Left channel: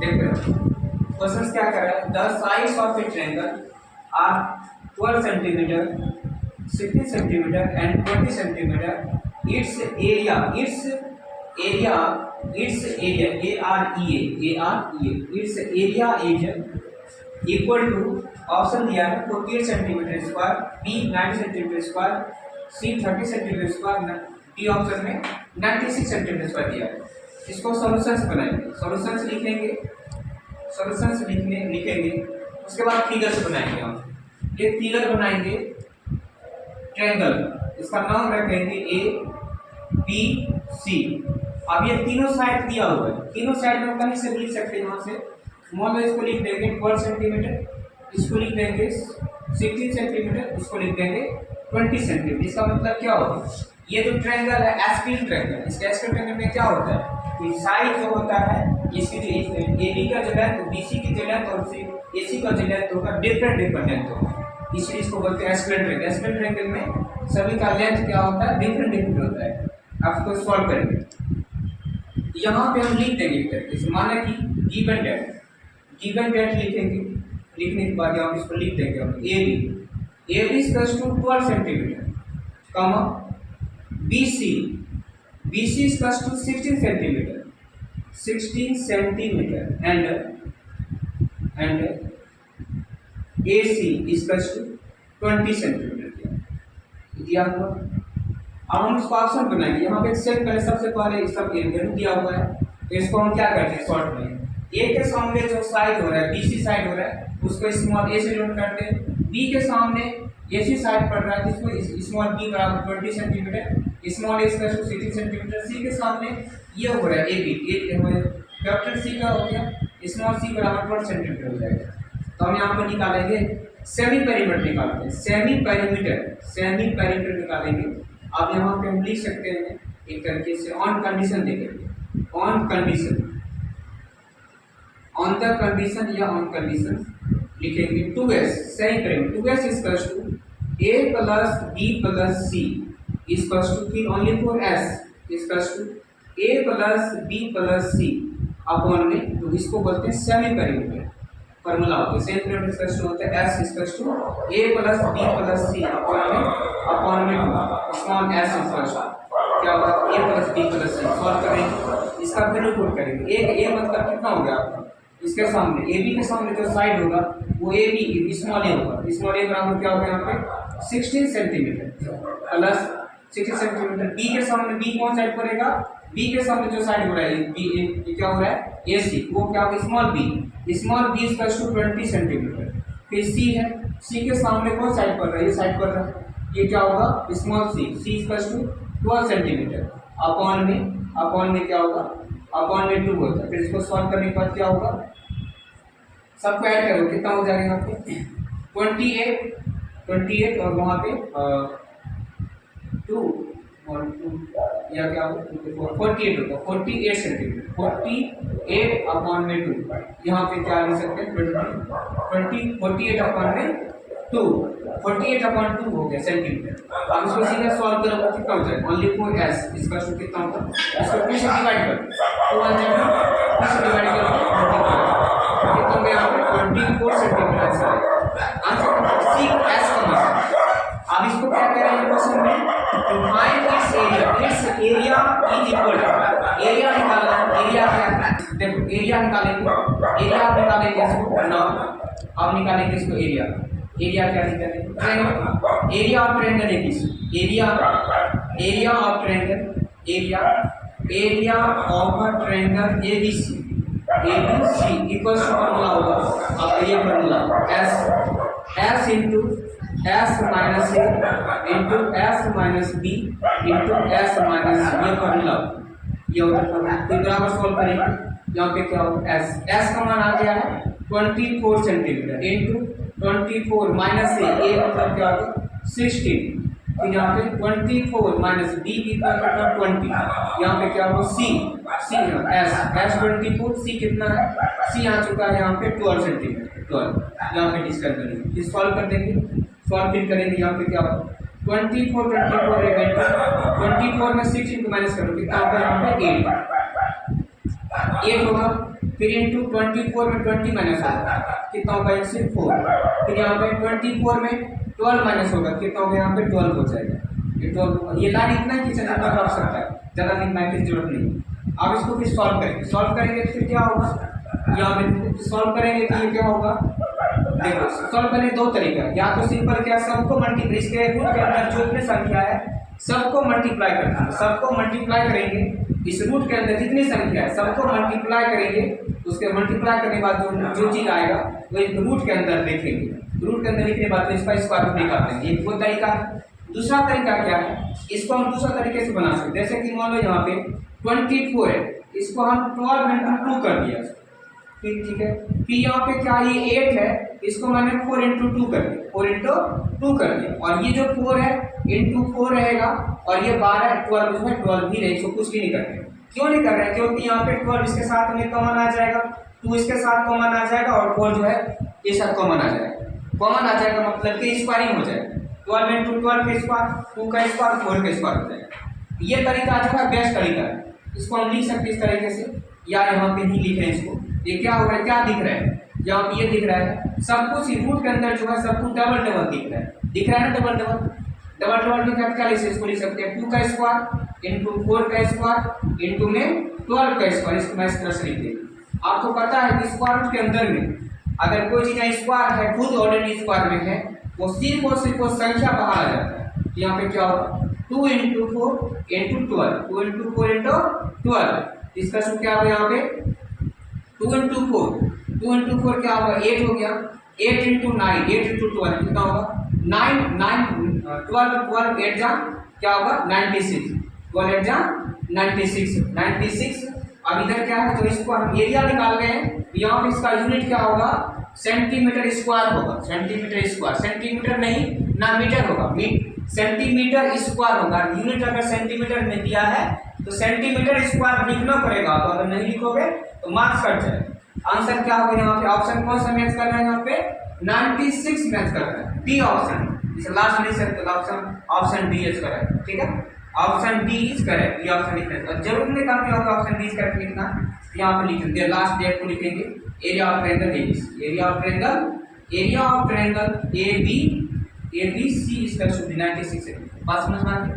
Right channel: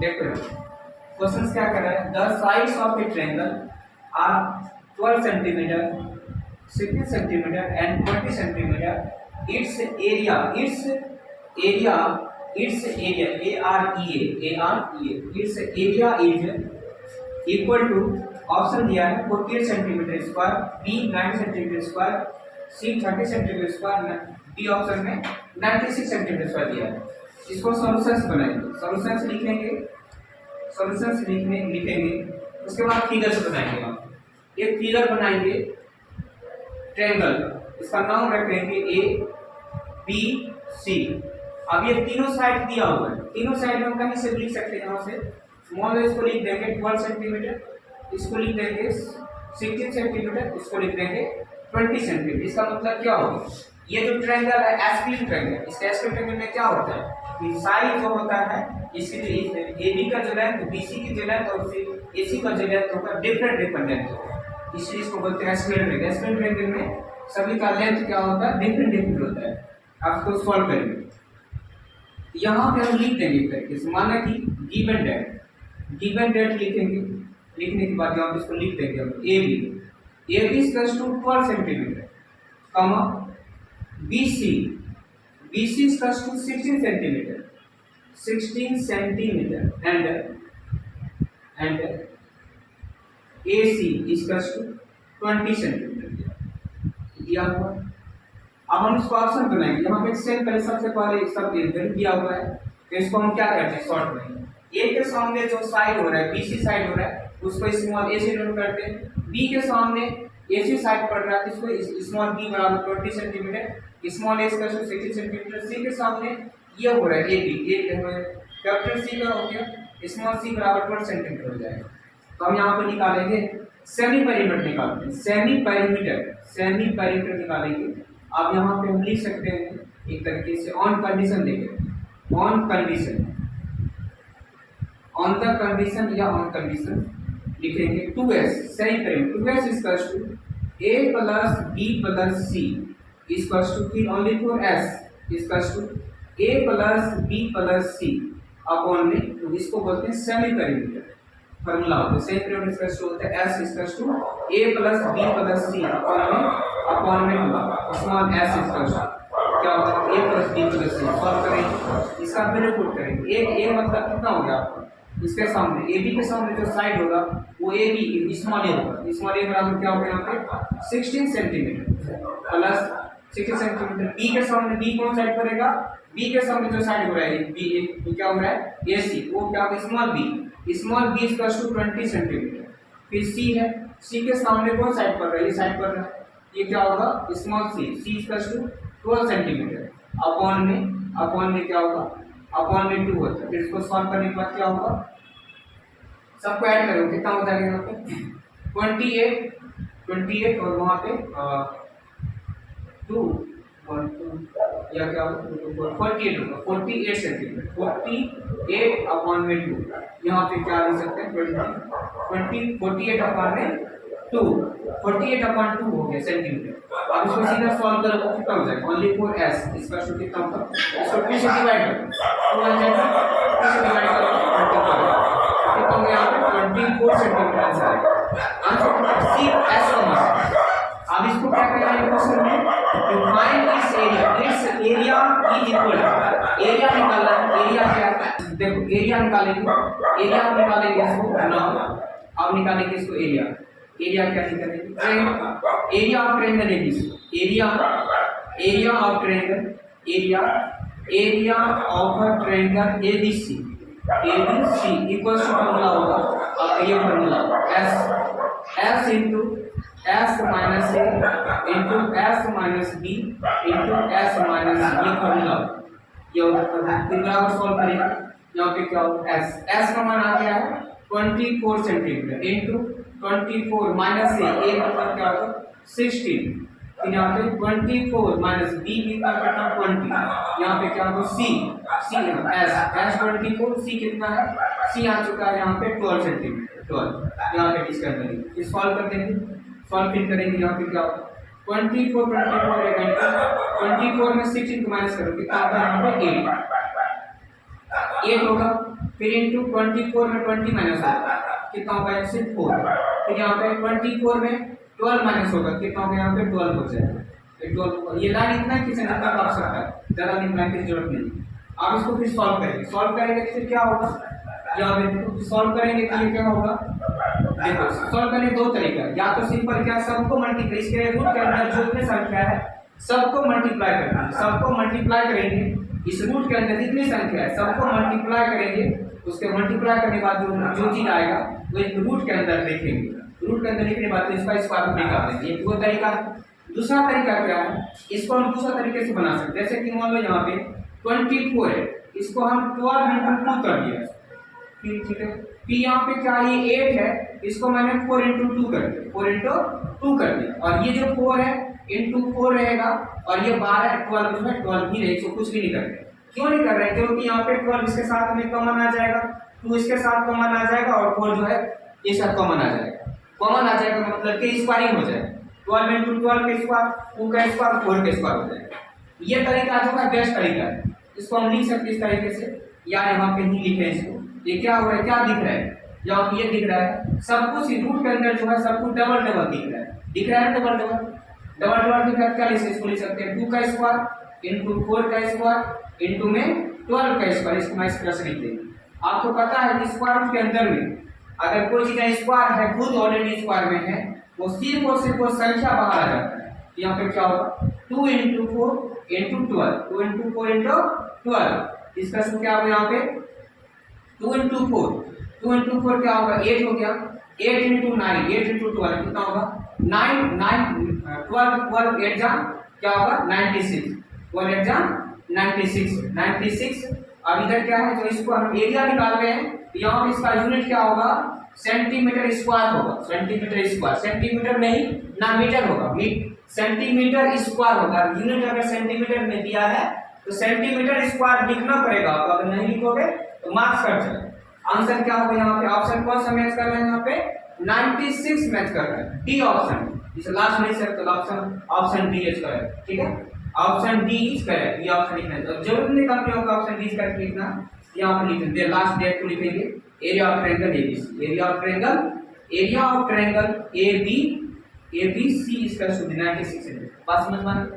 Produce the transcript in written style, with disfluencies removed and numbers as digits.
देखो क्वेश्चन क्या कर रहा है, the sides of a triangle are 12 centimetre, 16 centimetre and 20 centimetre. Its area its area is equal to, option दिया है 48 centimetre square, B 90 centimetre square, C 30 centimetre square, D option में 96 centimetre square दिया है। इसको सॉल्यूशंस बनाएंगे, solutions लिखेंगे, उसके बाद फिगर्स बनाएंगे। हम एक फिगर बनाएंगे ट्रायंगल का, इसका नाम रखेंगे ए बी सी। अब ये तीनों साइड दिया हुआ है, तीनों साइड में हम कहीं से लिख सकते हैं। यहाँ से मान लो इसको लिख देंगे 12 सेंटीमीटर, इसको लिख देंगे 16 सेंटीमीटर, इसको लिख देंगे 20 सेंटीमीटर। इसका मतलब क्या होगा, ये जो ट्रायंगल है एस्पिल ट्रायंगल, इस एस्पिल ट्रायंगल में क्या होता है कि साइड जो होता है इसकी जो AB का जो लेंथ, BC की जो लेंथ और AC का जो लेंथ होगा डिफरेंट लेंथ होगा, इसलिए इसको बोलते हैं एस्पिल ट्रायंगल। एस्पिल ट्रायंगल में सभी का लेंथ क्या होता है, डिफरेंट होता है। आप इसको सॉल्व करेंगे, यहाँ पे हम लिख देंगे करके, माने कि गिवन डेट लिखेंगे, लिखने के बाद यहाँ पे इसको लिख देंगे हम AB equals to 12 centimetre, comma BC equals to 16 centimetre and AC equals to 20 centimetre दिया हुआ। अब हम इसको ऑप्शन बनाएंगे, यहाँ पे सेट पहले सबसे पहले सब एरिया दिया हुआ है, तो इसको हम क्या करते हैं शॉर्ट बनाएंगे। ए के सामने जो साइड हो रहा है, BC साइड हो रहा है, उसको स्मॉल ए से डिनोट करते हैं। बी के सामने AC साइड पड़ रहा है, इसको स्मॉल b बराबर 20 सेंटीमीटर, स्मॉल a का 60 सेंटीमीटर। सी के सामने ये हो रहा है AB, कैपिटल C का हो गया, स्मॉल c बराबर 12 सेंटीमीटर हो जाएगा। तो हम यहाँ पर निकालेंगे सेमी पेरीमीटर, निकालते हैं सेमी पेरीमीटर निकालेंगे। अब यहाँ पे हम लिख सकते हैं एक तरीके से ऑन कंडीशन देखेंगे, ऑन द कंडीशन या ऑन कंडीशन लिखेंगे 2s सही करेंगे। 2s equals to a plus b plus c equals to, फिर only for s equals to a plus b plus c upon में, तो इसको बोलते हैं सेमी पेरीमीटर। फार्मूला होता है सेमी पेरीमीटर इक्वल्स टू होता है s equals to a plus b plus c upon में 2 स्मॉल s इक्वल्स टू क्या होता है a plus b plus c। Solve करेंगे, इसका वैल्यू पुट करेंगे। a मतलब कितना हो गया आपका, इसके सामने AB के सामने जो साइड होगा वो AB स्मॉल a होगा, स्मॉल a बराबर क्या होगा यहाँ पे 16 सेंटीमीटर प्लस 60 सेंटीमीटर। B के सामने B कौन साइड पड़ेगा, B के सामने जो साइड हो रहा है B क्या हो रहा है AC, वो क्या होगा small b equals to 20 centimetre. फिर C है, C के सामने कौन साइड पड़ रहा है, ये साइड पड़ रहा है, ये क्या होगा small c equals to 12 centimetre upon में क्या होगा, अपॉन में 2 होता है। फिर इसको सॉल्व करने के बाद क्या होगा, सबको ऐड करो कितना हो जाएगा यहाँ पे 28 और वहाँ पे 2 या क्या होगा 48 होगा, 48 सेंटीमीटर, 48 अपॉन में 2। यहाँ पे क्या लिख सकते हैं 48 अपॉन में 2, 48 अपॉन 2 हो गया सेंटीमीटर। अब इसको सीधा सॉल्व करो तो कितना हो जाएगा, ओनली फॉर s इसका टू कितना होगा, इसको 2 से डिवाइड करो तो आ जाएगा 2 से डिवाइड करो कितना हो गया यहाँ पे 24 सेंटीमीटर आंसर सी एस का। अब इसको क्या कह रहा है क्वेश्चन में, to find its area is equal, area निकालना है। एरिया क्या है, देखो एरिया निकालेंगे, इसको ना अब निकालेंगे इसको एरिया क्या निकालेंगे, area of triangle area of a triangle ABC equals to formula होगा। अब ये formula s into s minus a into s minus b into s minus c, ये फार्मूला ये होता है। फिर बराबर सॉल्व करेंगे, यहाँ पे क्या होगा s का मान आ गया है 24 सेंटीमीटर इंटू 24 माइनस a मतलब क्या होगा 16, फिर यहाँ पे 24 माइनस b कितना करना 20, यहाँ पे क्या होगा c s 24, c कितना है, c आ चुका है यहाँ पे 12 सेंटीमीटर, 12 यहाँ पे डिस्कस करेंगे, फिर सॉल्व कर देंगे, सॉल्व फिर करेंगे। यहाँ पे क्या होगा 24 24 में 16 को माइनस करो कितना आता है यहाँ पे 8 होगा, फिर इंटू 24 में 20 माइनस होगा, कितना होगा, एक से 4। फिर यहाँ पे 24 में 12 माइनस होगा, कितना होगा, यहाँ पे 12 हो जाएगा, ये 12। ये लाइन इतना ही किसी जितना कर सकता है, ज़्यादा लिखने की जरूरत नहीं। अब इसको फिर सॉल्व करेंगे तो फिर क्या होगा, यहाँ पे सॉल्व करेंगे तो ये क्या होगा, देखो सॉल्व करने दो तरीका, या तो सिंपल क्या, सबको मल्टीप्लाई, इसके रूट के अंदर जो भी संख्या है सबको मल्टीप्लाई करना है, सबको मल्टीप्लाई करेंगे, इस रूट के अंदर जितनी संख्या है सबको मल्टीप्लाई करेंगे, उसके मल्टीप्लाई करने के बाद जो चीज आएगा वो रूट के अंदर लिखेंगे, रूट के अंदर लिखने के बाद इसका स्क्वायर रूट निकाल लेंगे, वो तरीका है। दूसरा तरीका क्या है, इसको हम दूसरा तरीके से बना सकते हैं, जैसे कि मान लो यहाँ पे 24 है, इसको हम 12 इंटू 2 कर दिया, फिर ठीक है, फिर यहाँ पे क्या, ये 8 है, इसको मैंने 4 इंटू 2 कर दिया, 4 इंटू 2 कर दिया, और ये जो 4 है इंटू 4 रहेगा, और ये 12 12 जो है 12 ही रहे, इसको कुछ भी नहीं कर रहे। क्यों नहीं कर रहे हैं, क्योंकि यहाँ पे 12 इसके साथ हमें कॉमन आ जाएगा, 2 इसके साथ कॉमन आ जाएगा, और 4 जो है ये साथ कॉमन आ जाएगा, कॉमन आ जाएगा मतलब कि स्क्वायरिंग हो जाएगा, 12 इंटू 12 का स्क्वायर, 2 का स्क्वायर, 4 का स्क्वायर हो जाएगा। ये तरीका जो है बेस्ट तरीका है, इसको हम लिख सकते हैं इस तरीके से, या यहाँ पे ही लिखें इसको। ये क्या हो रहा है, क्या दिख रहा है, यहाँ पे ये दिख रहा है सब कुछ रूट के अंदर जो है सब कुछ डबल डबल दिख रहा है, दिख रहा है ना, डबल डबल डबल डबल दिख रहा है, क्या इसको लिख सकते हैं, 2 का स्क्वायर इंटू 4 का स्क्वायर इंटू में 12 का स्क्वायर, इसको मैं इस तरह से लिख देंगे। आपको पता है कि स्क्वायर रूट के अंदर में अगर कोई चीज स्क्वायर है, खुद ऑलरेडी स्क्वायर में है, वो सिर्फ और सिर्फ वो संख्या बाहर आ जाता है। यहाँ पे क्या होगा, 2 इंटू 4 इंटू 12, 2 इंटू 4 इंटू 12, इसका सूत्र क्या होगा, यहाँ पे 2 इंटू 4 क्या होगा, 8 हो गया, 8 इंटू 9, 8 इंटू 12 कितना होगा, 12 8 जा क्या होगा, 96, 12 8 जा 96। अब इधर क्या है, तो इसको हम एरिया निकाल रहे हैं, यहाँ पे इसका यूनिट क्या होगा, सेंटीमीटर स्क्वायर होगा, सेंटीमीटर स्क्वायर, सेंटीमीटर नहीं ना मीटर होगा, सेंटीमीटर स्क्वायर होगा। यूनिट अगर सेंटीमीटर में दिया है तो सेंटीमीटर स्क्वायर लिखना पड़ेगा आपको, अगर नहीं लिखोगे तो मार्क्स कट जाए। आंसर क्या होगा, यहाँ पे ऑप्शन कौन सा मैच कर रहा है, यहाँ पे 96 मैच कर रहा है, डी ऑप्शन, इसे लास्ट नहीं सकते, ऑप्शन डी इज करेक्ट, ठीक है, ऑप्शन डी इज करेक्ट, ये ऑप्शन लिखना है, जरूरत नहीं काम यहाँ पे ऑप्शन डी इज करेक्ट लिखना, यहाँ पे लिख देंगे, लास्ट डेट को लिखेंगे, area of triangle ABC, area of triangle ABC is equal to 96। बात समझ में आ गई।